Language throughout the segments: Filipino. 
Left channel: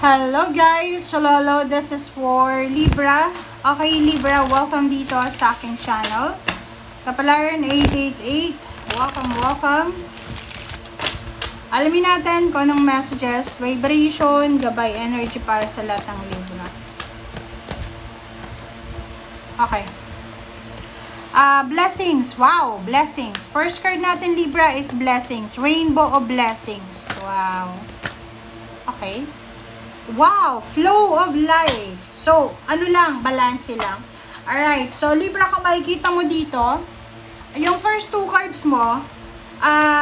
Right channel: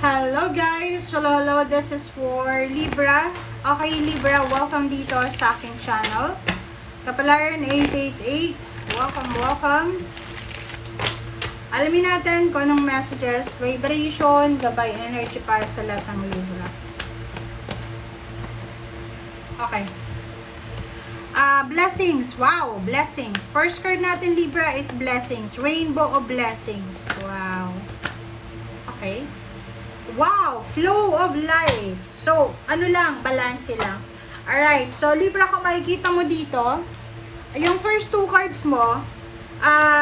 Hello guys! Hello, this is for Libra. Okay Libra, welcome dito sa aking channel. Kapalaran 888, welcome. Alamin natin kung anong messages, vibration, gabay, energy para sa lahat ng Libra. Okay. Blessings. Wow, blessings. First card natin Libra is blessings. Rainbow of blessings. Wow. Okay. Wow, flow of life. So, ano lang, balance lang. Alright, so Libra, kung makikita mo dito, yung first two cards mo,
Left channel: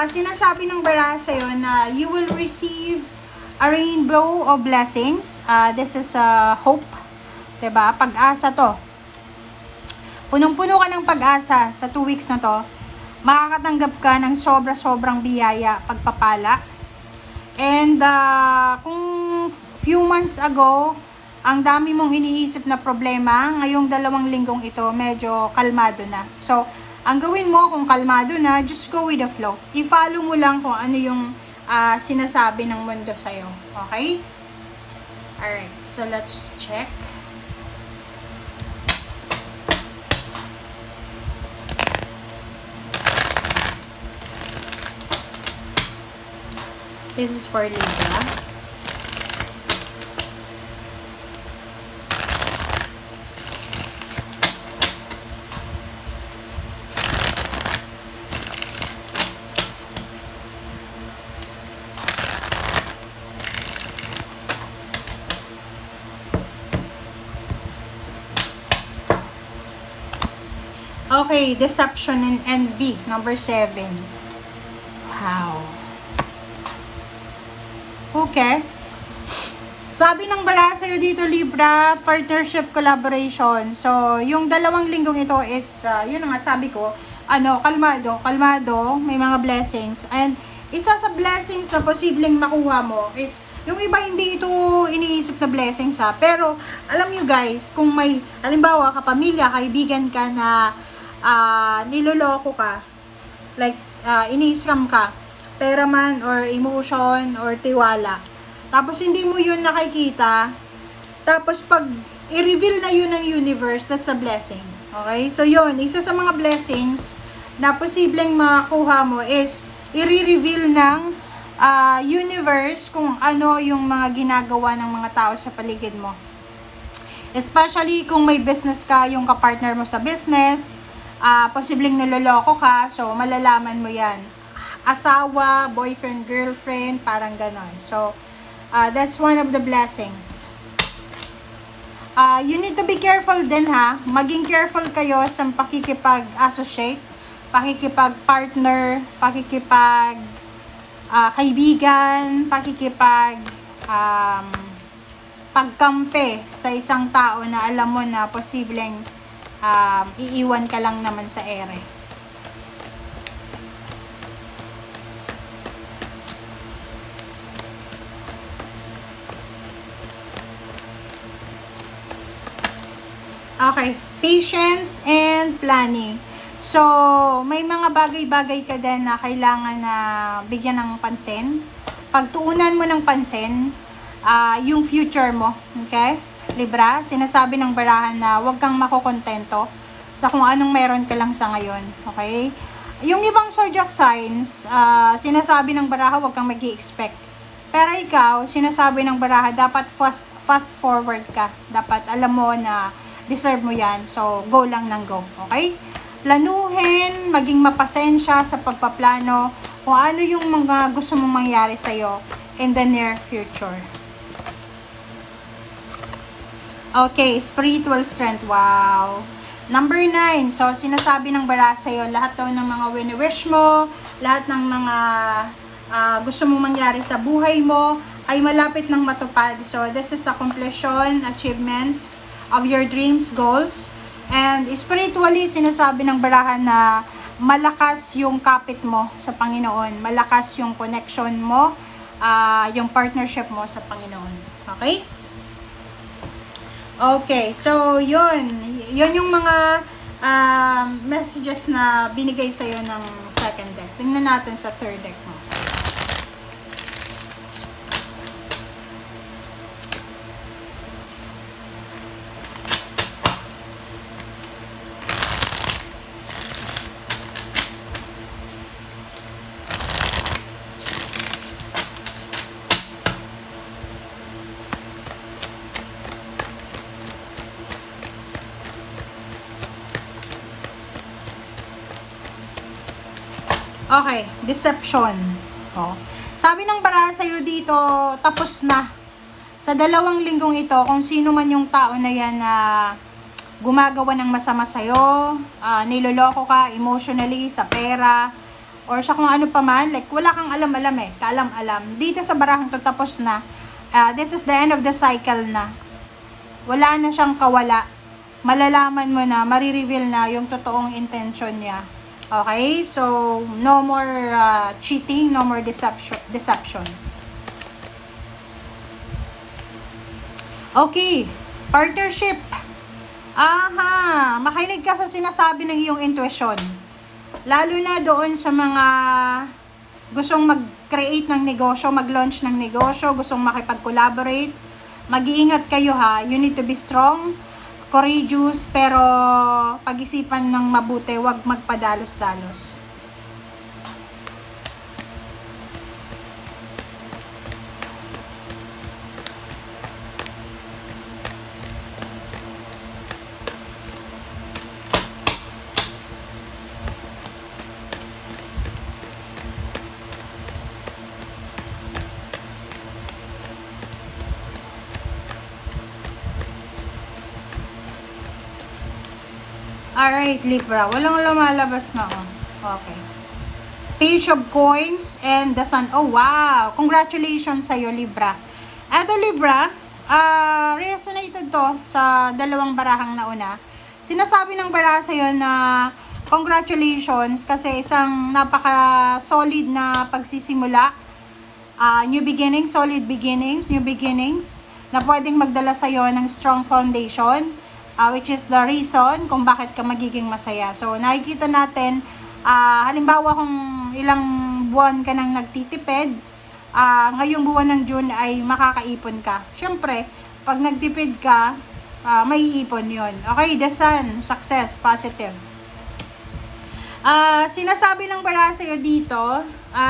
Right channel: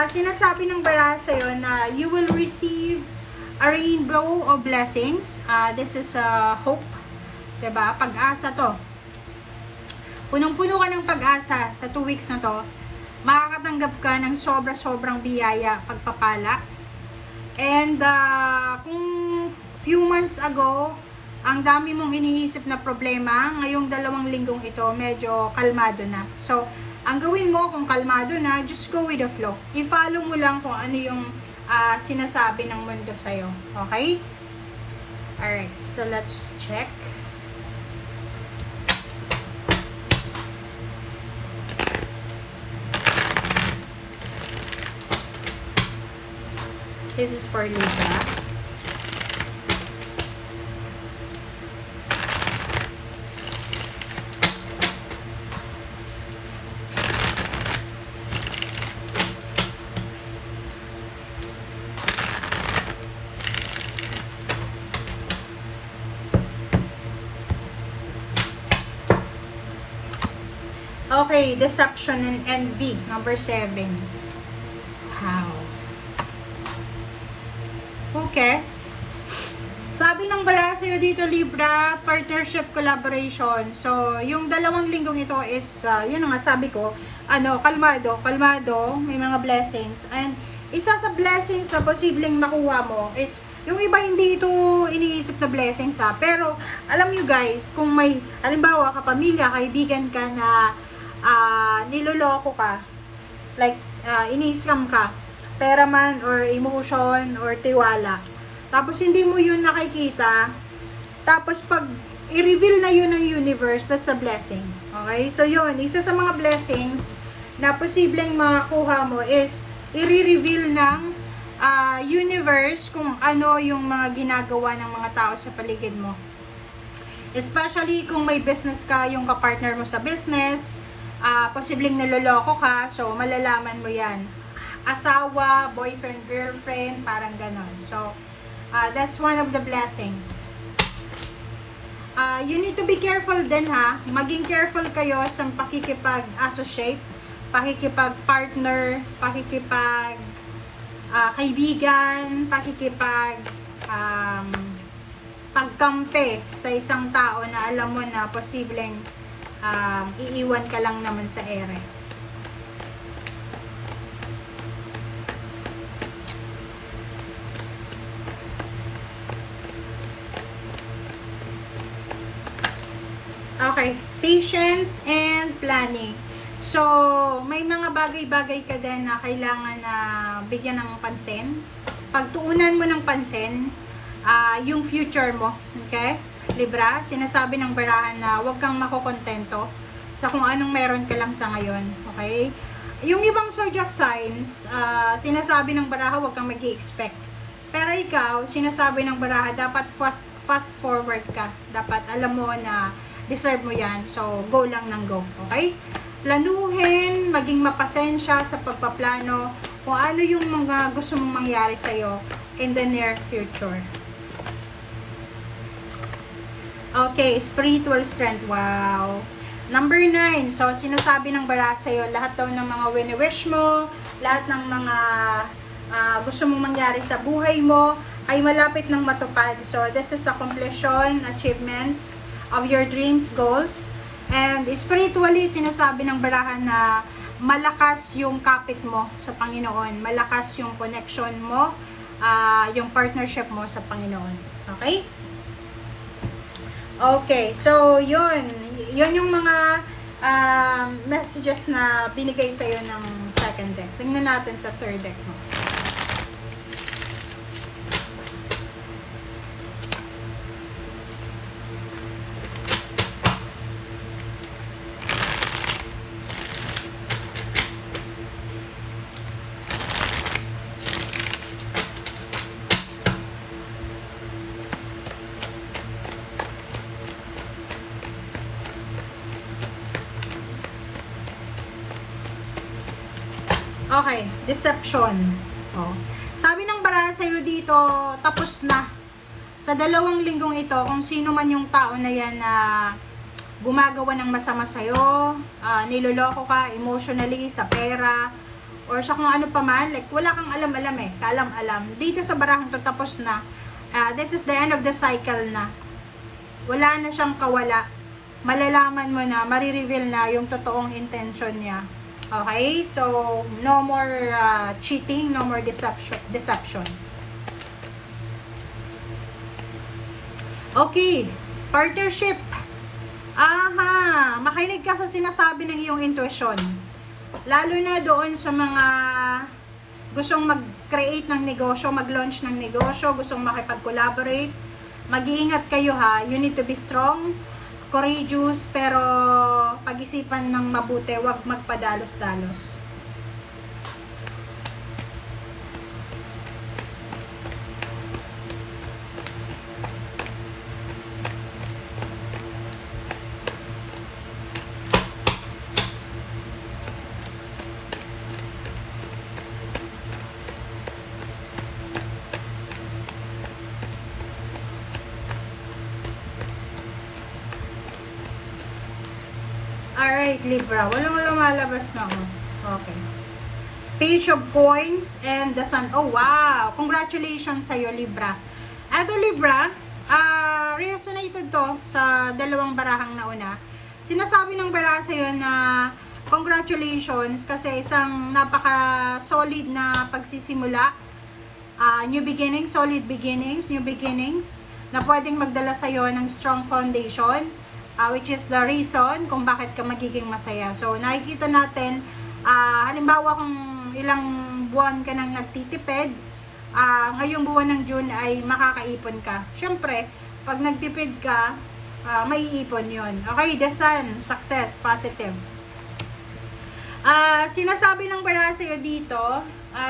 sinasabi ng baraha sa'yo na you will receive a rainbow of blessings. This is hope. Diba? Pag-asa to. Punong-puno ka ng pag-asa sa 2 weeks na to. Makakatanggap ka ng sobra-sobrang biyaya, pagpapala. And kung few months ago, ang dami mong iniisip na problema, ngayong 2 linggong ito, medyo kalmado na. So, ang gawin mo kung kalmado na, just go with the flow. I-follow mo lang kung ano yung sinasabi ng mundo sa'yo. Okay? Alright, so let's check. This is for Libra. Okay, deception and envy, number 7. Wow. Okay. Sabi ng baraha sa'yo dito, Libra, partnership, collaboration. So, yung 2 linggong ito is, yun nga sabi ko, kalmado, may mga blessings. And, isa sa blessings na posibleng makuha mo is, yung iba hindi ito iniisip na blessings pero, alam nyo guys, kung may, halimbawa, kapamilya, kaibigan ka na, niloloko ka, like, ini-scam ka, pera man, or emotion, or tiwala. Tapos, hindi mo yun nakikita. Tapos, pag i-reveal na yun ng universe, that's a blessing. Okay? So, yun. Isa sa mga blessings na posibleng makakuha mo is i-reveal ng universe kung ano yung mga ginagawa ng mga tao sa paligid mo. Especially kung may business ka, yung kapartner mo sa business, posibleng naloloko ka, so malalaman mo yan. Asawa, boyfriend, girlfriend, parang ganon. So, that's one of the blessings. You need to be careful din ha. Maging careful kayo sa pakikipag-associate, pakikipag-partner, pakikipag-kaibigan, pagkampi sa isang tao na alam mo na posibleng iiwan ka lang naman sa ere. Okay, patience and planning. So, may mga bagay-bagay ka din na kailangan na bigyan ng pansin. Pagtuunan mo ng pansin, yung future mo, okay? Libra, sinasabi ng barahan na huwag kang makokontento sa kung anong meron ka lang sa ngayon, okay? Yung ibang zodiac signs, sinasabi ng baraha huwag kang mag-i-expect. Pero ikaw, sinasabi ng baraha dapat fast forward ka. Dapat alam mo na deserve mo yan. So, go lang ng go, okay? Planuhin, maging mapasensya sa pagpaplano kung ano yung mga gusto mong mangyari sa'yo in the near future. Okay, spiritual strength. Wow. Number 9. So, sinasabi ng baraha sa'yo, lahat daw ng mga wini-wish mo, lahat ng mga gusto mong mangyari sa buhay mo, ay malapit ng matupad. So, this is a completion, achievements of your dreams, goals. And spiritually, sinasabi ng baraha na malakas yung kapit mo sa Panginoon. Malakas yung connection mo, yung partnership mo sa Panginoon. Okay? Okay, so yun yung mga messages na binigay sa'yo ng second deck. Tingnan natin sa third deck mo. Okay, deception. Oh. Sabi ng baraha sa'yo dito, tapos na. Sa 2 linggong ito, kung sino man yung tao na yan na gumagawa ng masama sa'yo, niloloko ka emotionally, sa pera, or sa kung ano pa man, like wala kang alam-alam eh, kaalam-alam. Dito sa barahang to, tapos na. This is the end of the cycle na. Wala na siyang kawala. Malalaman mo na, marireveal na yung totoong intention niya. Okay? So, no more cheating, no more deception. Okay. Partnership. Aha. Makinig ka sa sinasabi ng iyong intuition. Lalo na doon sa mga gustong mag-create ng negosyo, mag-launch ng negosyo, gustong makipag-collaborate. Mag-iingat kayo ha. You need to be strong, courageous, pero pag-isipan ng mabuti, huwag magpadalos-dalos. Alright, Libra. Walang lumalabas na ako. Okay. Page of Coins and the Sun. Oh, wow! Congratulations sa'yo, Libra. Eto, Libra, resonated to sa 2 barahang nauna. Sinasabi ng baraha sa'yo na congratulations kasi isang napaka-solid na pagsisimula. New beginnings, solid beginnings, new beginnings na pwedeng magdala sa'yo ng strong foundation. Which is the reason kung bakit ka magiging masaya. So, nakikita natin, halimbawa kung ilang buwan ka nang nagtitipid, ngayong buwan ng June ay makakaipon ka. Siyempre, pag nagtipid ka, may iipon yon. Okay, the Sun, success, positive. Sinasabi ng baraha sa'yo dito,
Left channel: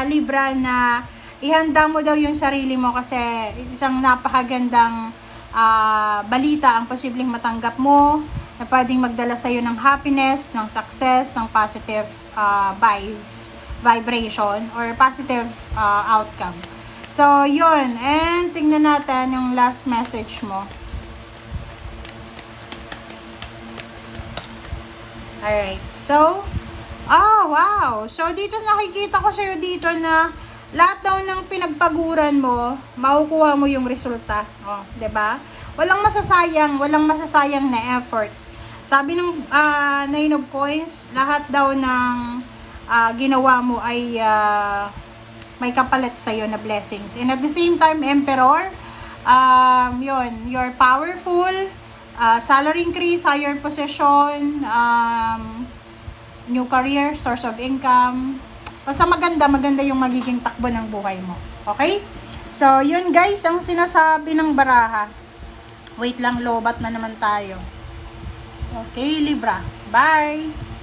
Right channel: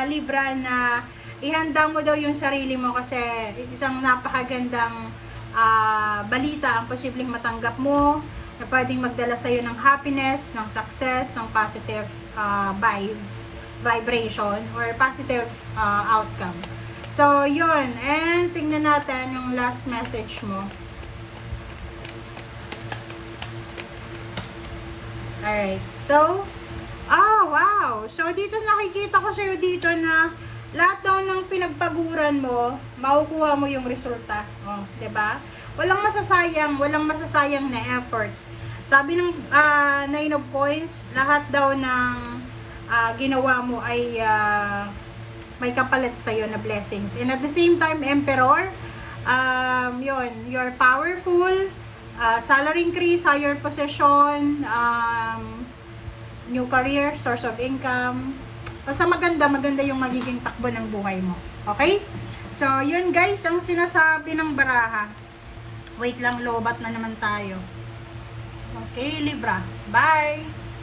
Libra, na ihanda mo daw yung sarili mo kasi isang napakagandang balita ang posibleng matanggap mo na pwedeng magdala sa iyo ng happiness, ng success, ng positive vibration or positive outcome. So, yun. And tingnan natin yung last message mo. Alright. So, wow. So, dito nakikita ko sa iyo dito na lahat daw ng pinagpaguran mo, makukuha mo yung resulta. Oh, 'di ba? Walang masasayang na effort. Sabi ng Nine of Coins, lahat daw ng ginawa mo ay may kapalit sa iyo na blessings. And at the same time, Emperor, you're powerful, salary increase, higher position, new career, source of income. Basta maganda yung magiging takbo ng buhay mo. Okay? So, yun guys, ang sinasabi ng baraha. Wait lang, lobat na naman tayo. Okay, Libra. Bye!